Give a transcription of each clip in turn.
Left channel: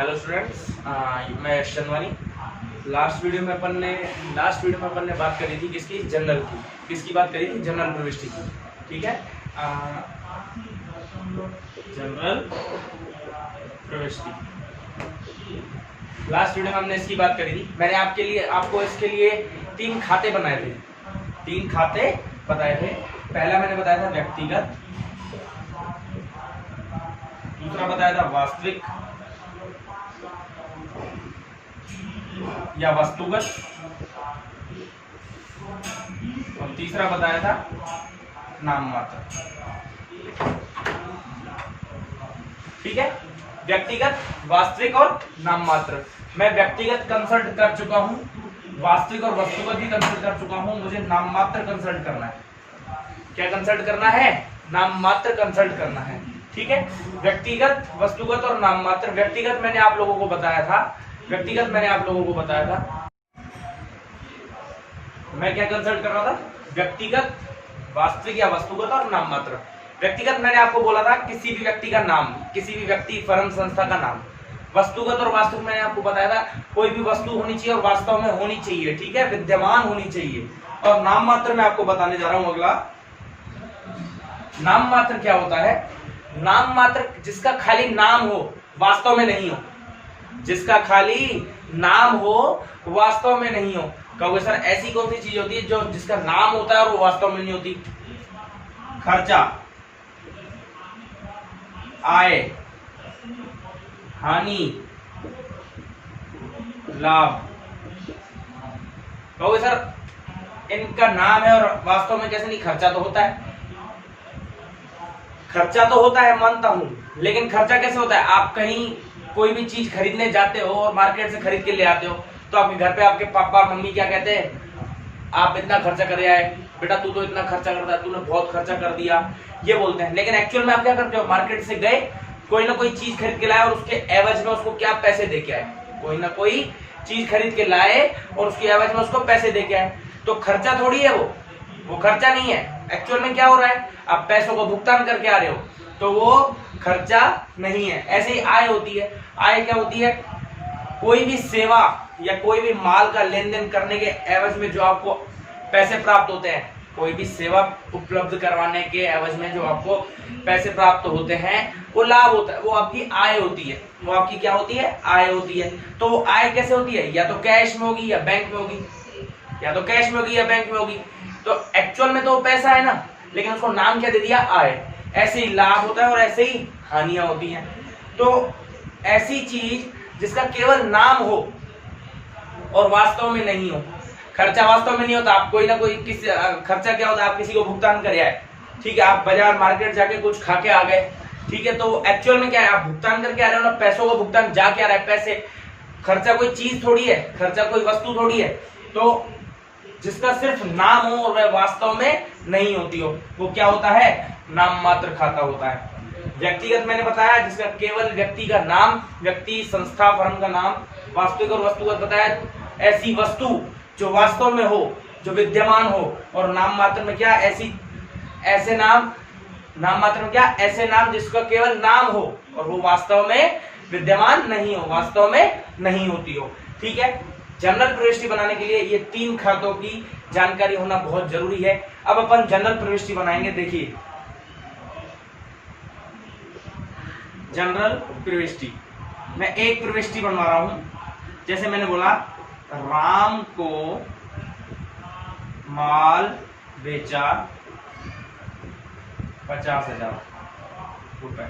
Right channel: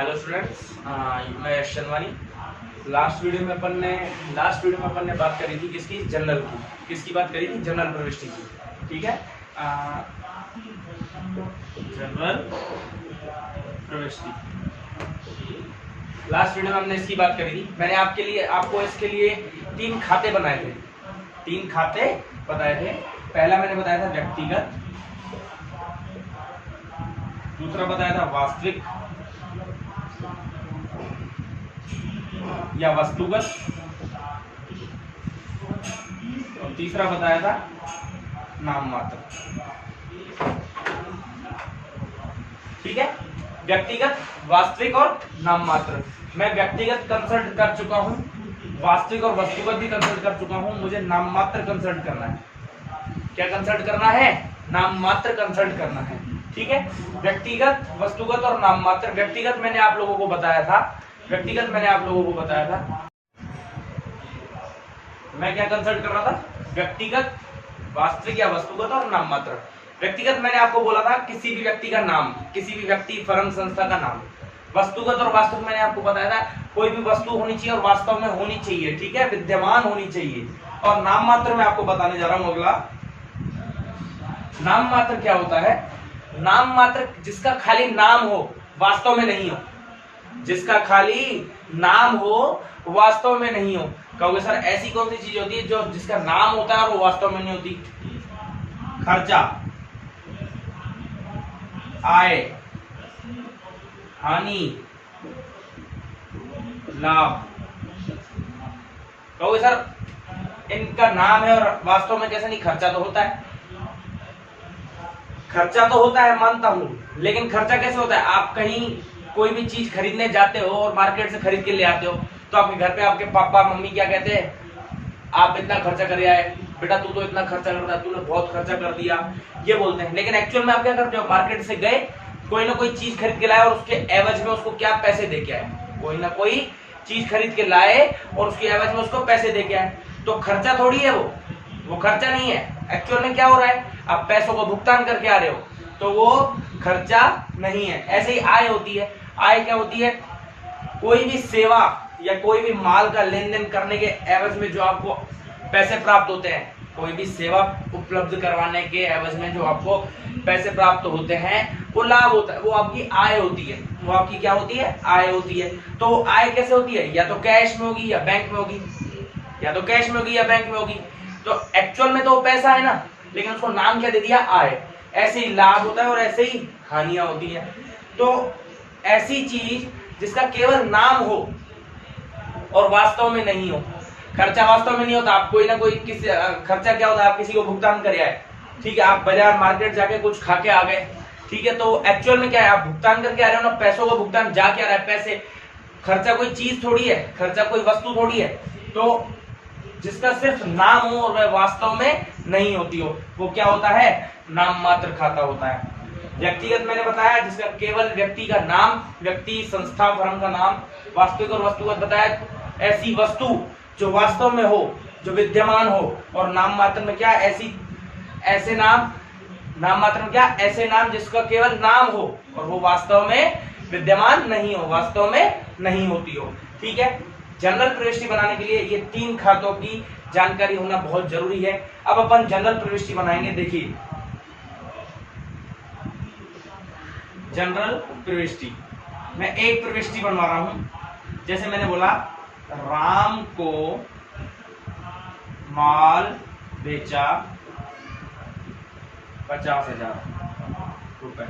Hello students, मैं शनवानी। Last video में अपन ने बात करी थी किसकी? जनरल की। किसकी बात करी थी? जनरल प्रविष्टि की। ठीक है, जनरल प्रविष्टि। लास्ट वीडियो में हमने इसकी बात करी थी। मैंने आपको इसके लिए 3 खाते बनाए थे। 3 खाते बताए थे। पहला मैंने बताया था व्यक्तिगत, दूसरा बताया था वास्तविक या वस्तुगत, और तीसरा बताया था नाममात्र। ठीक है, व्यक्तिगत, वास्तविक और नाममात्र। मैं व्यक्तिगत कंसल्ट कर चुका हूं, वास्तविक और वस्तुगत भी कंसल्ट कर चुका हूं। मुझे नाममात्र कंसल्ट करना है। क्या कंसल्ट करना है? नाममात्र कंसल्ट करना है। ठीक है, व्यक्तिगत, वस्तुगत और नाममात्र। व्यक्तिगत मैंने आप लोगों को बताया था। मैं क्या कंसल्ट कर रहा था? व्यक्तिगत, वास्तविक या वस्तुगत और नाममात्र। व्यक्तिगत मैंने आपको बोला था किसी भी व्यक्ति का नाम, किसी भी व्यक्ति, फर्म, संस्था का नाम। वस्तुगत और वास्तविक मैंने आपको बताया था कोई भी वस्तु होनी चाहिए और वास्तव में होनी चाहिए। ठीक है, विद्यमान होनी चाहिए। और नाममात्र मैं आपको बताने जा रहा हूं अगला। नाममात्र क्या होता है? नाममात्र जिसका खाली नाम हो, वास्तव में नहीं हो। जिसका खाली नाम हो, वास्तव में नहीं हो। कहोगे सर ऐसी कौन सी चीज होती है जो जिसका नाम होता है और वो वास्तव में नहीं होती? खर्चा, आय, हानि, लाभ। कहोगे सर इनका नाम है और वास्तव में कैसे नहीं? खर्चा तो होता है। खर्चा तो होता है, मानता हूं, लेकिन खर्चा कैसे होता है? आप कहीं कोई भी चीज खरीदने जाते हो और मार्केट से खरीद के ले आते हो, तो आपके घर पे आपके पापा मम्मी क्या कहते हैं? आप इतना खर्चा कर आए, बेटा तू तो इतना खर्चा करता है, तूने बहुत खर्चा कर दिया, ये बोलते हैं। लेकिन एक्चुअल में आप क्या करते हो? मार्केट से गए, कोई ना कोई चीज खरीद के लाए और उसके एवज में उसको क्या? पैसे दे के आए। कोई ना कोई चीज खरीद के लाए और उसके एवज में उसको पैसे दे के आए। तो खर्चा थोड़ी है वो खर्चा नहीं है। एक्चुअल में क्या हो रहा है? आप पैसों को भुगतान करके आ रहे हो, तो वो खर्चा नहीं है। ऐसे ही आय होती है। आय क्या होती है? कोई भी सेवा या कोई भी माल का लेन देन करने के एवज में जो आपको पैसे प्राप्त होते हैं, कोई भी सेवा उपलब्ध करवाने के एवज में जो आपको पैसे प्राप्त होते हैं, वो लाभ होता है, वो आपकी आय होती है। वो आपकी क्या होती है? आय होती है। तो आय कैसे होती है? या तो कैश में होगी या बैंक में होगी, या तो कैश में होगी या बैंक में होगी। तो एक्चुअल में तो वो पैसा है ना, लेकिन उसको नाम क्या दे दिया? आय। ऐसे ही लाभ होता है और ऐसे ही हानियां होती हैं। तो ऐसी चीज जिसका केवल नाम हो और वास्तव में नहीं हो। खर्चा वास्तव में नहीं होता। आप कोई ना कोई किसी खर्चा क्या होता है? आप किसी को भुगतान कर आए। ठीक है, आप बाजार मार्केट जाके कुछ खा के आ गए। ठीक है, तो एक्चुअल में क्या है? आप भुगतान करके आ रहे हो ना, पैसों का भुगतान जाके आ रहा है। पैसे, खर्चा कोई चीज थोड़ी है, खर्चा कोई वस्तु थोड़ी है। तो जिसका सिर्फ नाम हो और वह वास्तव में नहीं होती हो, वो क्या होता है? नाममात्र खाता होता है। व्यक्तिगत मैंने बताया जिसका केवल व्यक्ति का नाम, व्यक्ति, संस्था, फर्म का नाम। वास्तविक और वस्तुगत बताया ऐसी वस्तु जो वास्तव में हो, जो विद्यमान हो। और नाममात्र में क्या? ऐसे नाम। नाममात्र में क्या? ऐसे नाम जिसका केवल नाम हो और वो वास्तव में विद्यमान नहीं हो, वास्तव में नहीं होती हो। ठीक है, जनरल प्रविष्टि बनाने के लिए ये 3 खातों की जानकारी होना बहुत जरूरी है। अब अपन जनरल प्रविष्टि बनाएंगे। देखिए, जनरल प्रविष्टि मैं एक प्रविष्टि बनवा रहा हूं। जैसे मैंने बोला, राम को माल बेचा 50,000 रुपए।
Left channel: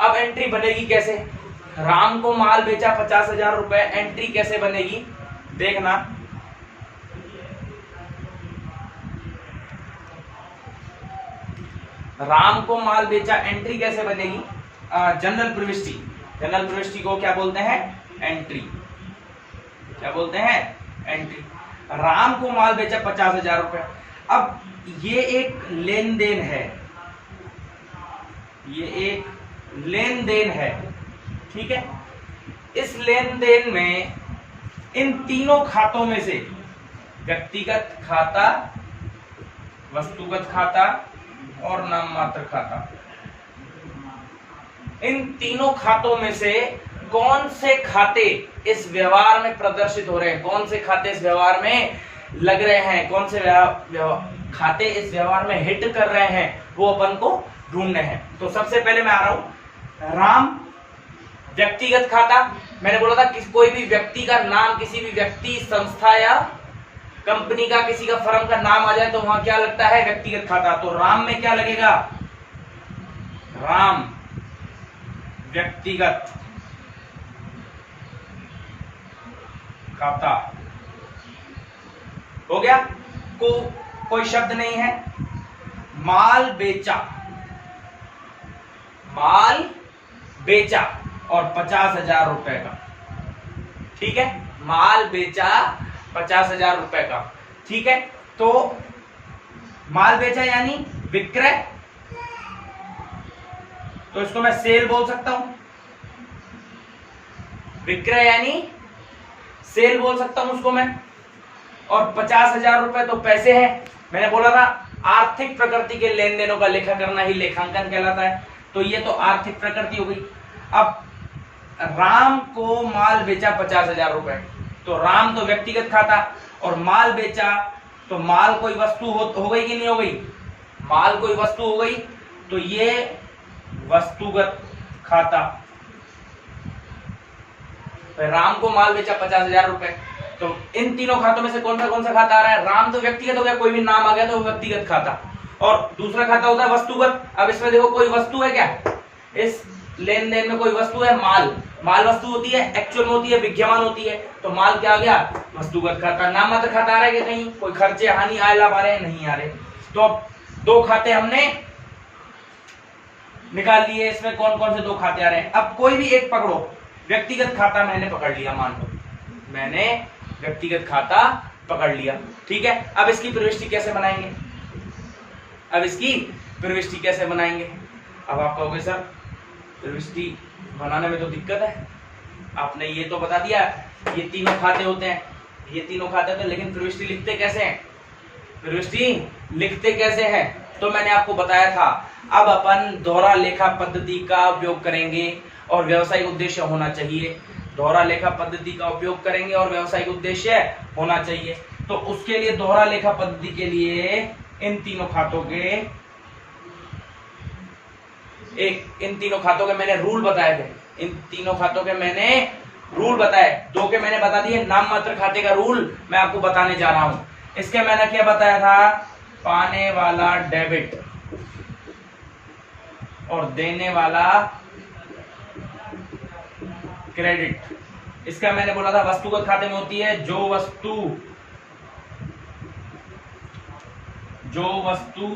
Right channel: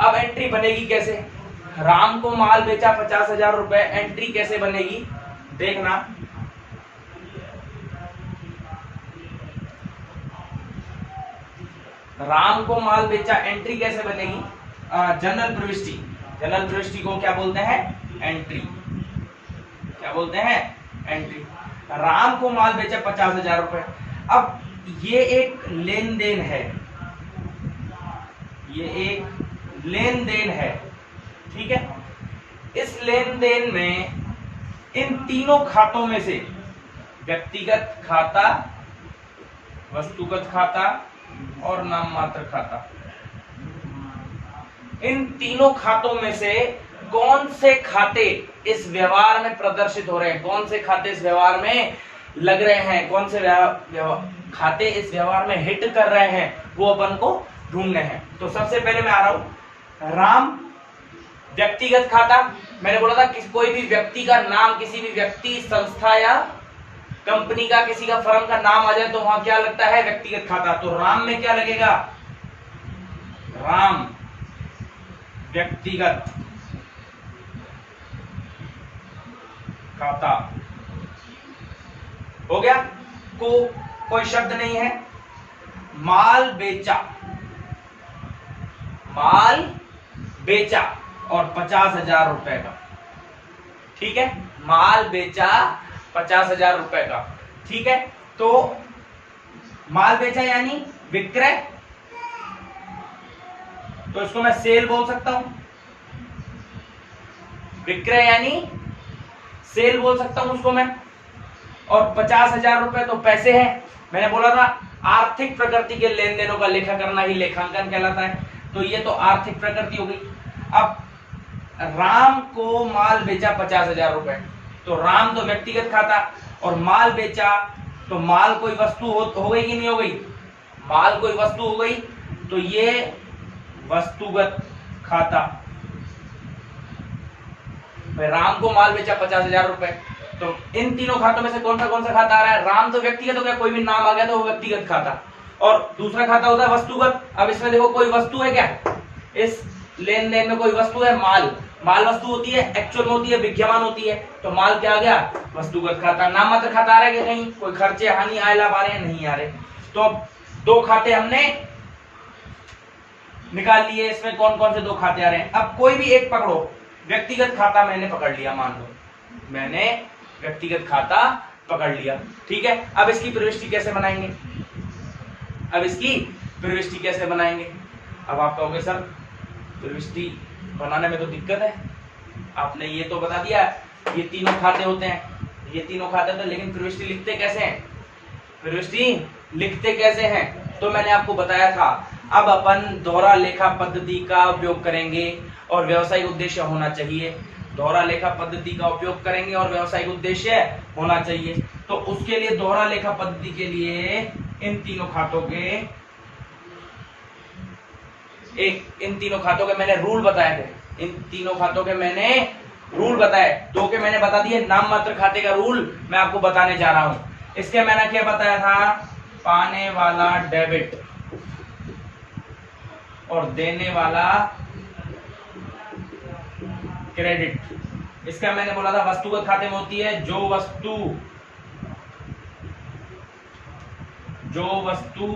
अब एंट्री बनेगी कैसे? राम को माल बेचा 50,000 रुपए, एंट्री कैसे बनेगी? देखना। राम को माल बेचा, एंट्री कैसे बनेगी? जनरल प्रविष्टि। जनरल प्रविष्टि को क्या बोलते हैं? एंट्री। क्या बोलते हैं? एंट्री। राम को माल बेचा 50,000 रुपए। अब ये एक लेन देन है, ये एक लेन देन है। ठीक है, इस लेन देन में इन तीनों खातों में से व्यक्तिगत खाता, वस्तुगत खाता और नाममात्र खाता, इन तीनों खातों में से कौन से खाते इस व्यवहार में प्रदर्शित हो रहे हैं, कौन से खाते इस व्यवहार में लग रहे हैं, कौन से खाते इस व्यवहार में हिट कर रहे हैं, वो अपन को ढूंढने हैं। तो सबसे पहले मैं आ रहा हूं राम व्यक्तिगत खाता। मैंने बोला था कि कोई भी व्यक्ति का नाम, किसी भी व्यक्ति, संस्था या कंपनी का, किसी का फर्म का नाम आ जाए तो वहां क्या लगता है, व्यक्तिगत खाता। तो राम में क्या लगेगा, राम व्यक्तिगत खाता हो गया। कोई शब्द नहीं है। माल बेचा, माल बेचा और 50,000 रुपए का, ठीक है, माल बेचा 50,000 रुपए का, ठीक है। तो माल बेचा यानी विक्रय, तो इसको मैं सेल बोल सकता हूं, विक्रय यानी सेल बोल सकता हूं उसको मैं। और 50,000 रुपए तो पैसे हैं। मैंने बोला था आर्थिक प्रकृति के लेन देनों का लेखा करना ही लेखांकन कहलाता है। तो ये तो आर्थिक प्रकृति हो गई। अब राम को माल बेचा 50,000 रुपए, तो राम तो व्यक्तिगत खाता, और माल बेचा तो माल कोई वस्तु हो गई कि नहीं हो गई, माल कोई वस्तु हो गई, तो ये वस्तुगत खाता। राम को माल बेचा 50,000 रुपए, तो इन तीनों खातों में से कौन सा खाता आ रहा है, राम तो व्यक्तिगत हो गया, कोई भी नाम आ गया तो वो व्यक्तिगत खाता, और दूसरा खाता होता है वस्तुगत। अब इसमें देखो कोई वस्तु है क्या, इस लेन देन में कोई वस्तु है, माल, माल वस्तु होती है, एक्चुअल में होती है, विद्यमान होती है, तो माल क्या आ गया, वस्तुगत खाता। नाम मात्र खाता आ रहा है कि कहीं, कोई खर्चे, हानि, आय, लाभ आ रहे हैं, नहीं आ रहे। तो अब दो खाते हमने निकाल लिए, इसमें कौन कौन से दो खाते आ रहे हैं। अब कोई भी एक पकड़ो, व्यक्तिगत खाता मैंने पकड़ लिया, मान लो मैंने व्यक्तिगत खाता पकड़ लिया, ठीक है। अब इसकी प्रविष्टि कैसे बनाएंगे, अब इसकी प्रविष्टि कैसे बनाएंगे। अब आप कहोगे सर प्रविष्टि बनाने में तो दिक्कत है, आपने ये तो बता दिया ये तीनों खाते होते हैं, ये तीनों खाते होते हैं, लेकिन प्रविष्टि लिखते कैसे हैं, प्रविष्टि लिखते कैसे हैं, तो मैंने आपको बताया था। अब अपन दोहरा लेखा पद्धति का उपयोग करेंगे और व्यवसायिक उद्देश्य होना चाहिए, दोहरा लेखा पद्धति का उपयोग करेंगे और व्यवसायिक उद्देश्य होना चाहिए। तो उसके लिए दोहरा लेखा पद्धति के लिए इन तीनों खातों के मैंने रूल बताए थे, इन तीनों खातों के मैंने रूल बताए, दो के मैंने बता दिए। नाम मात्र खाते का रूल मैं आपको बताने जा रहा हूं। इसके मैंने क्या बताया था, पाने वाला डेबिट और देने वाला क्रेडिट। इसका मैंने बोला था वस्तुगत खाते में होती है जो वस्तु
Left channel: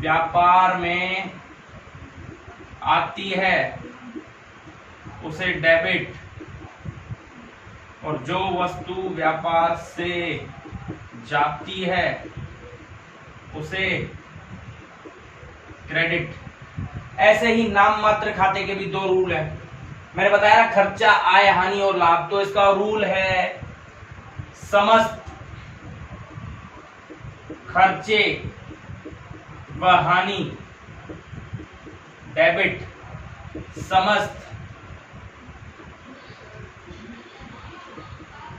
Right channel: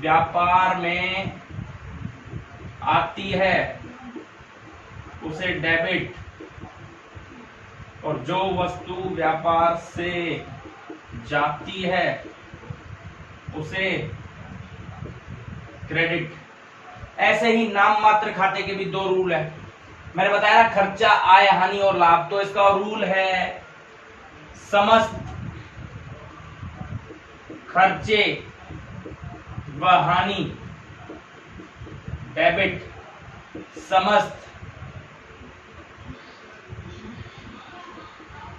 व्यापार में आती है उसे डेबिट, और जो वस्तु व्यापार से जाती है उसे क्रेडिट। ऐसे ही नाम मात्र खाते के भी दो रूल है। मैंने बताया खर्चा, आय, हानि और लाभ, तो इसका रूल है समस्त खर्चे व हानि डेबिट, समस्त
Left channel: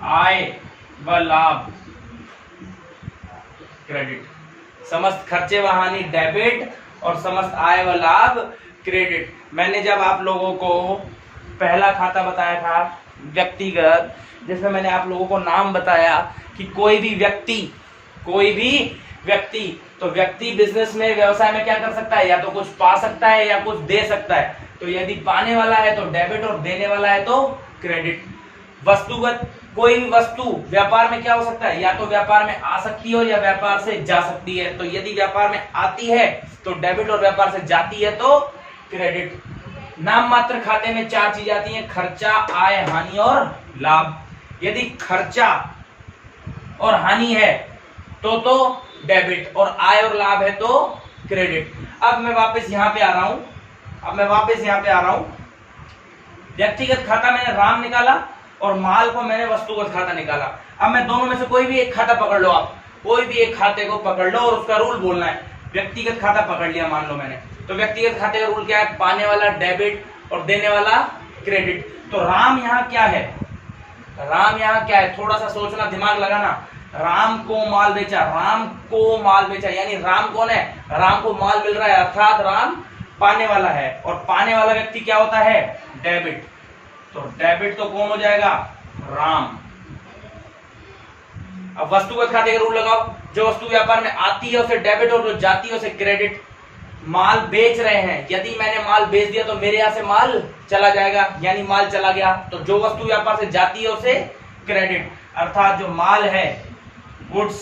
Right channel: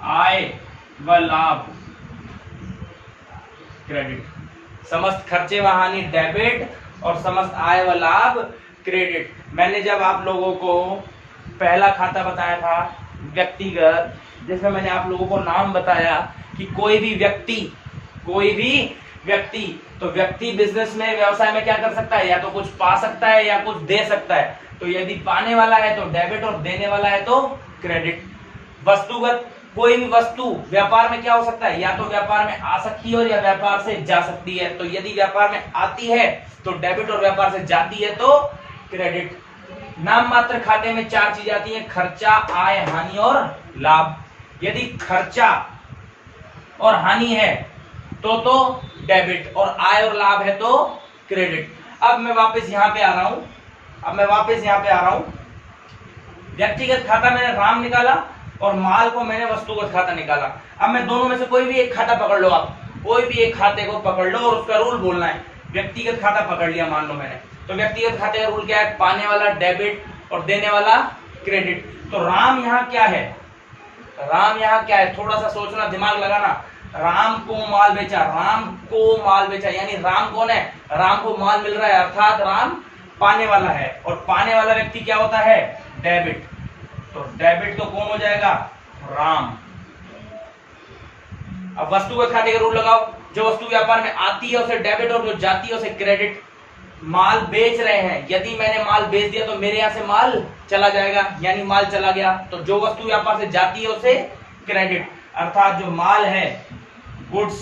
आय व लाभ क्रेडिट। समस्त खर्चे व हानि डेबिट और समस्त आय व लाभ क्रेडिट। मैंने जब आप लोगों को पहला खाता बताया था व्यक्तिगत, जिसमें मैंने आप लोगों को नाम बताया कि कोई भी व्यक्ति तो व्यक्ति बिजनेस में, व्यवसाय में क्या कर सकता है, या तो कुछ पा सकता है या कुछ दे सकता है। तो यदि पाने वाला है तो डेबिट और देने वाला है तो क्रेडिट। वस्तुगत, कोई भी वस्तु व्यापार में क्या हो सकता है, या तो व्यापार में आ सकती है या व्यापार से जा सकती है। तो यदि व्यापार में आती है तो डेबिट और व्यापार से जाती है तो क्रेडिट। नाम मात्र खाते में चार चीज आती हैं, खर्चा, आय, हानि और लाभ। यदि खर्चा और हानि है तो डेबिट, और आय और लाभ है तो क्रेडिट। अब मैं वापस यहां पे आ रहा हूं, व्यक्तिगत खाता मैंने राम निकाला और माल को मैंने वस्तुगत खाता निकाला। अब मैं दोनों में से कोई भी एक खाता पकड़ लो, आप कोई भी एक खाते को पकड़ लो और उसका रूल बोलना है। व्यक्तिगत खाता पकड़ लिया मान लो मैंने, तो व्यक्तिगत खाते का रूल क्या है, पाने वाला डेबिट और देने वाला क्रेडिट। तो राम यहाँ क्या है, राम यहाँ क्या है, थोड़ा सा सोचना, दिमाग लगाना। राम को माल बेचा, राम को माल बेचा, यानी राम कौन है, राम को माल मिल रहा है, अर्थात राम पाने वाला है, और पाने वाला व्यक्ति क्या होता है, डेबिट। तो डेबिट तो कौन हो जाएगा, राम। अब वस्तुगत खाते का रूल लगाओ, जो वस्तु व्यापार में आती है उसे डेबिट और जो जाती है उसे क्रेडिट। माल बेच रहे हैं, यदि मैंने माल बेच दिया तो मेरे यहां से माल चला जाएगा, यानी माल चला गया। तो जो वस्तु व्यापार से जाती है उसे क्रेडिट, अर्थात जो माल है गुड्स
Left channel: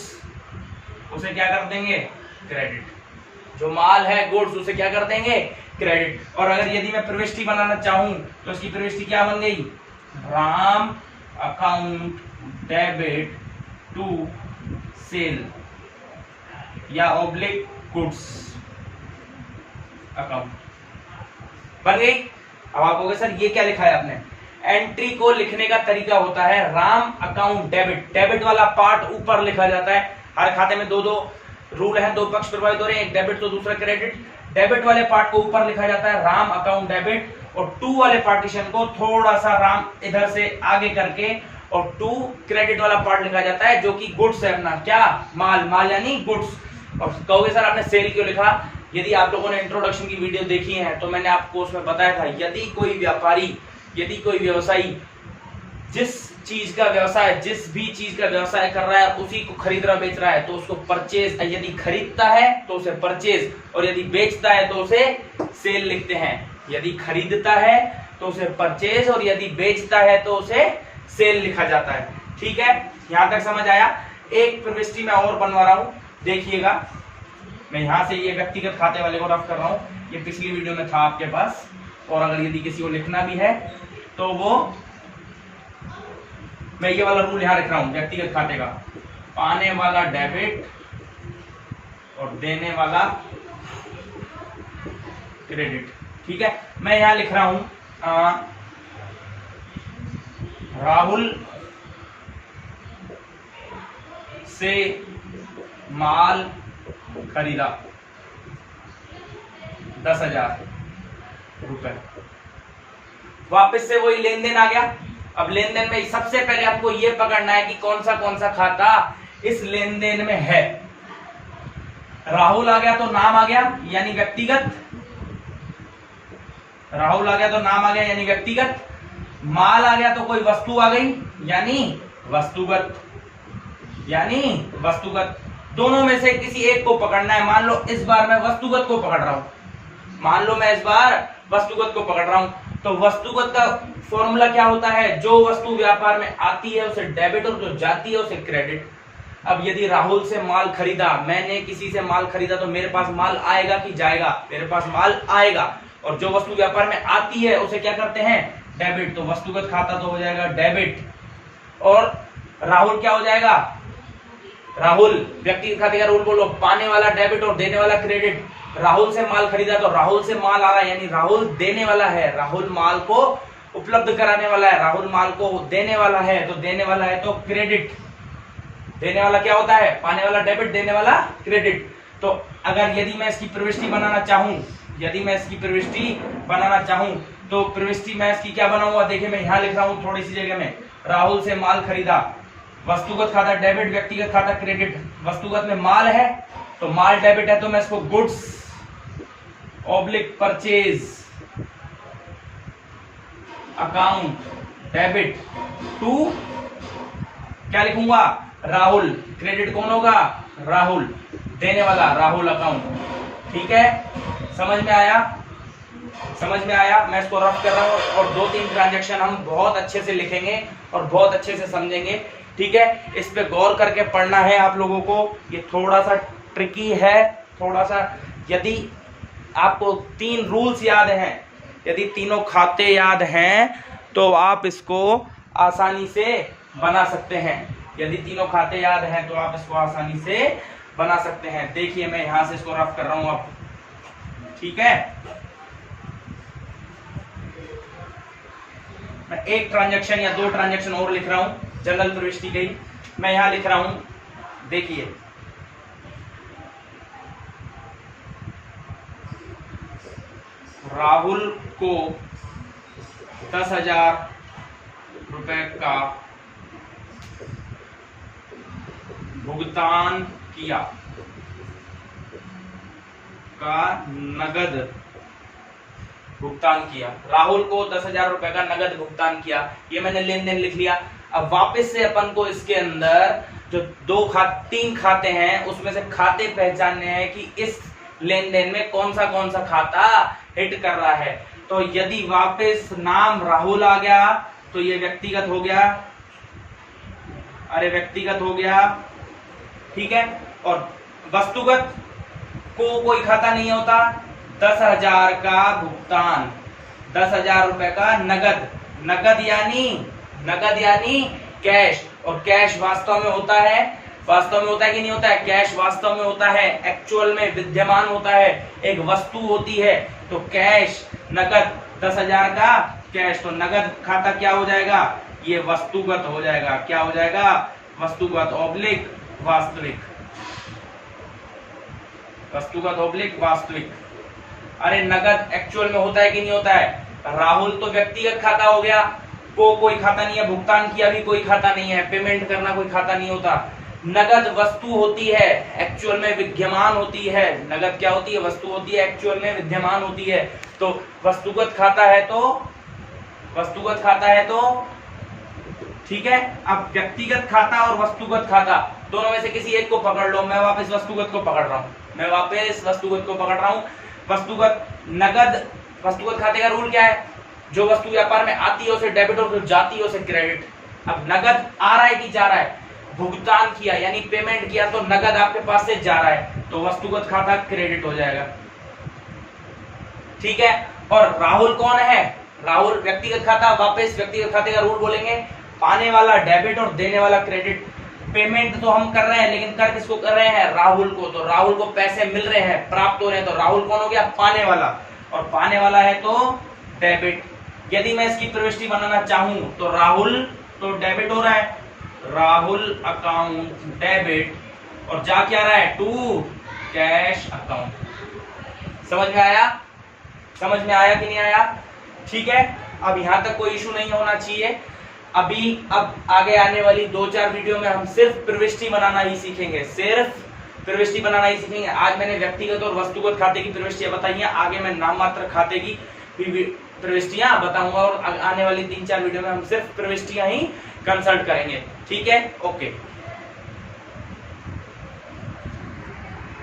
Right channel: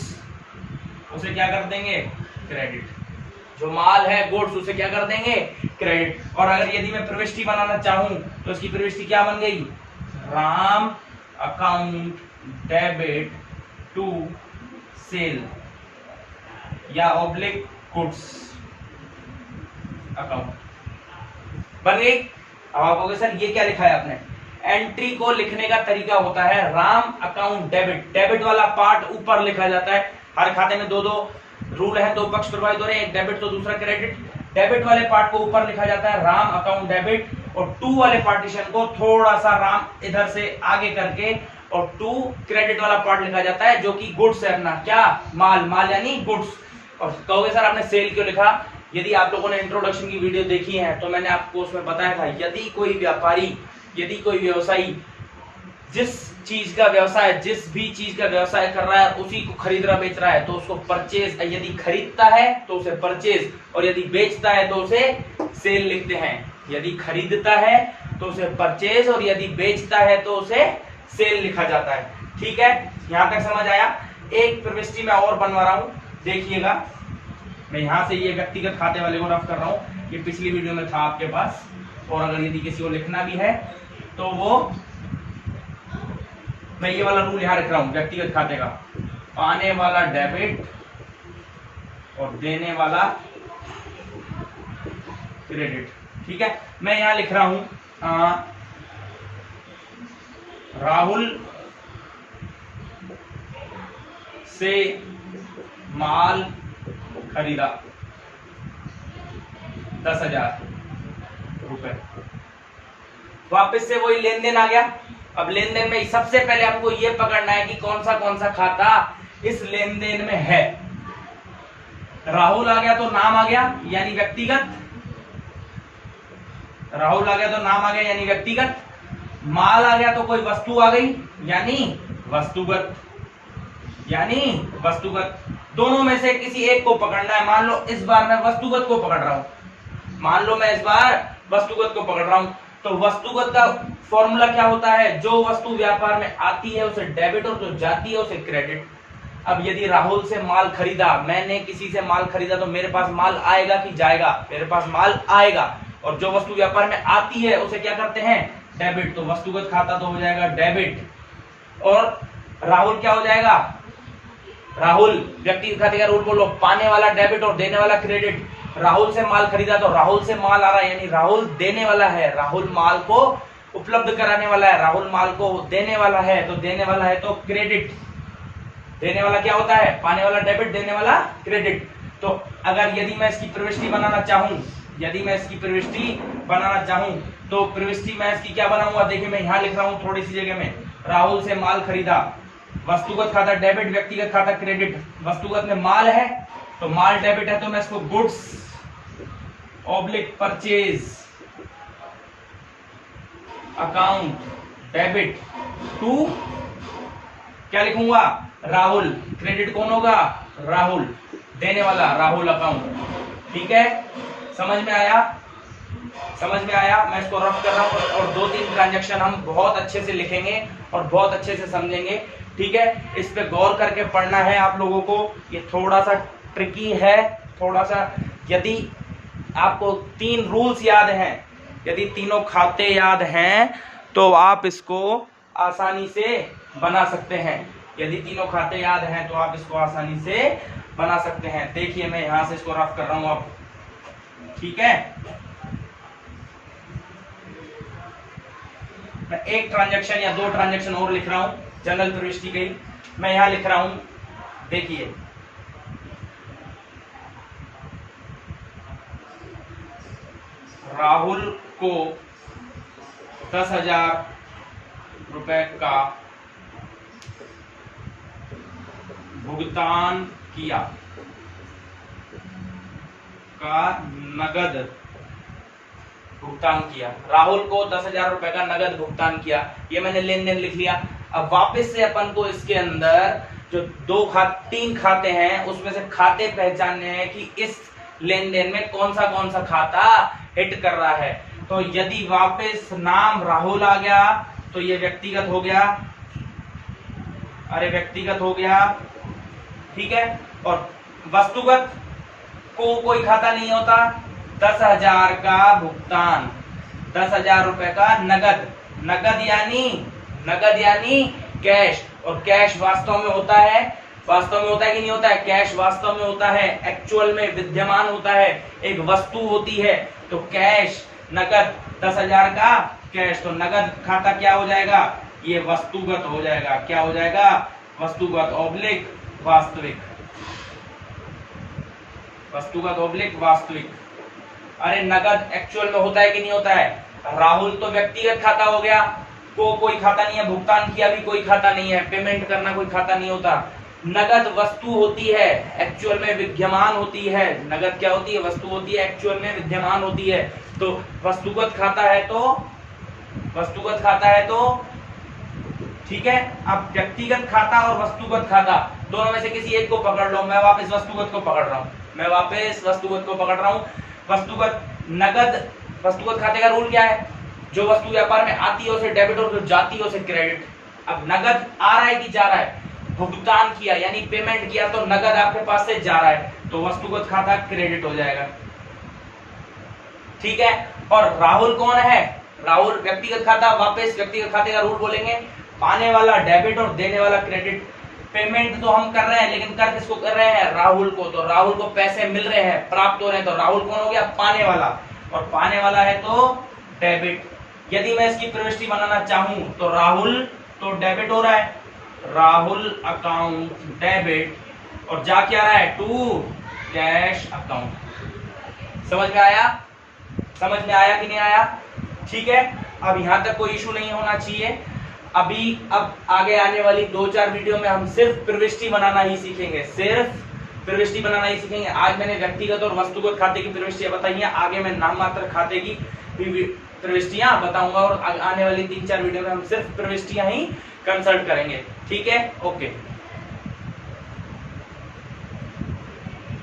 उसे क्या कर देंगे, क्रेडिट। जो माल है गुड्स उसे क्या कर देंगे, क्रेडिट। और अगर यदि मैं प्रविष्टि बनाना चाहूं तो इसकी प्रविष्टि क्या बन गई, Ram account debit to sale या ऑब्लिक गुड्स अकाउंट बन गई। अब आप कहोगे सर ये क्या लिखा है आपने, एंट्री को लिखने का तरीका होता है राम अकाउंट डेबिट, डेबिट वाला पार्ट ऊपर लिखा जाता है। हर खाते में दो दो रूल हैं, दो पक्ष प्रभावित हो रहे हैं, एक डेबिट तो दूसरा क्रेडिट। डेबिट वाले पार्ट को ऊपर लिखा जाता है राम अकाउंट डेबिट, और टू वाले पार्टीशन को थोड़ा सा राम इधर से आगे करके और टू क्रेडिट वाला पार्ट लिखा जाता है, जो कि गुड्स है अपना, क्या, माल, माल यानी गुड्स। और कहोगे सर आपने सेल क्यों लिखा, यदि आप लोगों ने इंट्रोडक्शन की वीडियो देखी है तो मैंने आपको उसमें बताया था, यदि कोई व्यापारी, यदि कोई व्यवसायी जिस चीज का व्यवसाय, जिस भी चीज का व्यवसाय कर रहा है उसी को खरीद रहा बेच रहा है तो उसको परचेज, यदि खरीदता है तो उसे परचेज, और यदि बेचता है तो उसे सेल लिखते हैं। यदि खरीदता है तो उसे परचेज, और यदि बेचता है तो उसे सेल लिखा जाता है। ठीक है, यहां तक समझ आया। एक प्रविष्टि मैं और बनवा रहा हूं, देखिएगा। मैं यहां से ये व्यक्तिगत खाते वाले को रफ कर रहा हूं, ये पिछली वीडियो में था आपके पास, और अगर यदि किसी को लिखना भी है तो वो, मैं ये वाला रूल यहां लिख रहा हूं व्यक्तिगत खाते का, पाने वाला डेबिट और देने वाला क्रेडिट। ठीक है, मैं यहां लिख रहा हूं राहुल से माल खरीदा 10,000 रुपए, वापस से वही लेन देन आ गया। अब लेन देन में सबसे पहले हमको ये पकड़ना है कि कौन सा खाता इस लेन देन में है। राहुल आ गया तो नाम आ गया यानी व्यक्तिगत, राहुल आ गया तो नाम आ गया यानी व्यक्तिगत, माल आ गया तो कोई वस्तु आ गई यानी वस्तुगत, यानी वस्तुगत। दोनों में से किसी एक को पकड़ना है। मान लो इस बार मैं वस्तुगत को पकड़ रहा हूं, मान लो मैं इस बार वस्तुगत को पकड़ रहा हूं, तो वस्तुगत का फॉर्मूला क्या होता है, जो वस्तु व्यापार में आती है उसे डेबिट और जो जाती है उसे क्रेडिट। अब यदि राहुल से माल खरीदा, मैंने किसी से माल खरीदा, तो मेरे पास माल आएगा कि जाएगा, मेरे पास माल आएगा, और जो वस्तु व्यापार में आती है उसे क्या करते हैं, डेबिट। तो वस्तुगत खाता तो हो जाएगा डेबिट, और राहुल क्या हो जाएगा, राहुल व्यक्तिगत खाते का रूल बोलो, पाने वाला डेबिट और देने वाला क्रेडिट। राहुल से माल खरीदा तो राहुल से माल आ रहा है यानी राहुल देने वाला है, राहुल माल को उपलब्ध कराने वाला है, राहुल माल को देने वाला है, तो देने वाला है तो क्रेडिट। देने वाला क्या होता है, पाने वाला डेबिट, देने वाला क्रेडिट। तो अगर यदि मैं इसकी प्रविष्टि बनाना चाहूं, यदि मैं इसकी प्रविष्टि बनाना चाहूं तो प्रविष्टि मैं इसकी क्या बनाऊंगा, देखिए मैं यहां लिख रहा हूं थोड़ी सी जगह में, राहुल से माल खरीदा, वस्तुगत खाता डेबिट, व्यक्तिगत खाता क्रेडिट। वस्तुगत में माल है तो माल डेबिट है तो मैं इसको goods oblique purchase account debit to क्या लिखूंगा, राहुल। क्रेडिट कौन होगा, राहुल, देने वाला राहुल अकाउंट। ठीक है, समझ में आया, समझ में आया। मैं इसको रफ कर रहा हूं और 2-3 ट्रांजैक्शन हम बहुत अच्छे से लिखेंगे और बहुत अच्छे से समझेंगे। ठीक है, इस पे गौर करके पढ़ना है आप लोगों को, ये थोड़ा सा ट्रिकी है, थोड़ा सा। यदि आपको 3 रूल्स याद हैं, यदि तीनों खाते याद हैं तो आप इसको आसानी से बना सकते हैं। यदि तीनों खाते याद हैं तो आप इसको आसानी से बना सकते हैं। देखिए मैं यहां से इसको रफ कर रहा हूं अब। ठीक है, मैं एक ट्रांजैक्शन या 2 ट्रांजैक्शन और लिख रहा हूं जनरल प्रविष्टि के। मैं यहां लिख रहा हूं, देखिए राहुल को 10,000 रुपए का भुगतान किया, नगद भुगतान किया। राहुल को 10,000 रुपए का नगद भुगतान किया, ये मैंने लेन देन लिख लिया। अब वापस से अपन को इसके अंदर जो 3 खाते हैं उसमें से खाते पहचानने हैं कि इस लेन देन में कौन सा खाता हिट कर रहा है। तो यदि वापस नाम राहुल आ गया तो ये व्यक्तिगत हो गया, अरे व्यक्तिगत हो गया, ठीक है। और वस्तुगत को कोई खाता नहीं होता। 10,000 का भुगतान, 10,000 रुपए का नगद, नगद यानी कैश। और कैश वास्तव में होता है कि नहीं होता है? कैश वास्तव में होता है, एक्चुअल में विद्यमान होता है, एक वस्तु होती है। तो कैश, नगद, 10,000 का कैश, तो नगद खाता क्या हो जाएगा? ये वस्तुगत हो जाएगा। क्या हो जाएगा? वस्तुगत ऑब्लिक वास्तविक, वस्तुगत ऑब्लिक वास्तविक। अरे नगद एक्चुअल में होता है कि नहीं होता है? राहुल तो व्यक्तिगत खाता हो गया, को कोई खाता नहीं है, भुगतान किया भी कोई खाता नहीं है, पेमेंट करना कोई खाता नहीं होता। नगद वस्तु होती है, एक्चुअल में विद्यमान होती है। नगद क्या होती है? वस्तु होती है, एक्चुअल में विद्यमान होती है। तो वस्तुगत खाता है तो ठीक है। अब व्यक्तिगत खाता और वस्तुगत खाता दोनों में से किसी एक को पकड़ लो। मैं वापस वस्तुगत को पकड़ रहा हूं। वस्तुगत नगद, वस्तुगत खाते का रूल क्या है? जो वस्तु व्यापार में आती है उसे डेबिट और जो जाती है उसे क्रेडिट। अब नगद आ रहा है कि जा रहा है? भुगतान किया यानी पेमेंट किया, तो नगद आपके पास से जा रहा है, तो वस्तुगत खाता क्रेडिट हो जाएगा, ठीक है। और राहुल कौन है? राहुल व्यक्तिगत खाता। वापस व्यक्तिगत खाते का रूल बोलेंगे, पाने वाला डेबिट और देने वाला क्रेडिट। पेमेंट तो हम कर रहे हैं, लेकिन कर किसको कर रहे हैं? राहुल को। तो राहुल को पैसे मिल रहे हैं, प्राप्त हो रहे हैं, तो राहुल कौन हो गया? पाने वाला। और पाने वाला है तो डेबिट। यदि मैं इसकी प्रविष्टि बनाना चाहूं तो राहुल तो डेबिट हो रहा है, राहुल अकाउंट डेबिट, और जा क्या रहा है? To cash account. समझ में आया कि नहीं आया? ठीक है। अब यहां तक कोई इशू नहीं होना चाहिए। अब आगे आने वाली 2-4 वीडियो में हम सिर्फ प्रविष्टि बनाना ही सीखेंगे, आज मैंने व्यक्तिगत और वस्तुगत खाते की प्रविष्टियां बताई हैं, आगे मैं नाम मात्र खाते की प्रविष्टियां बताऊंगा, और आने वाली 3-4 वीडियो में हम सिर्फ प्रविष्टियां ही कंसल्ट करेंगे, ठीक है। ओके।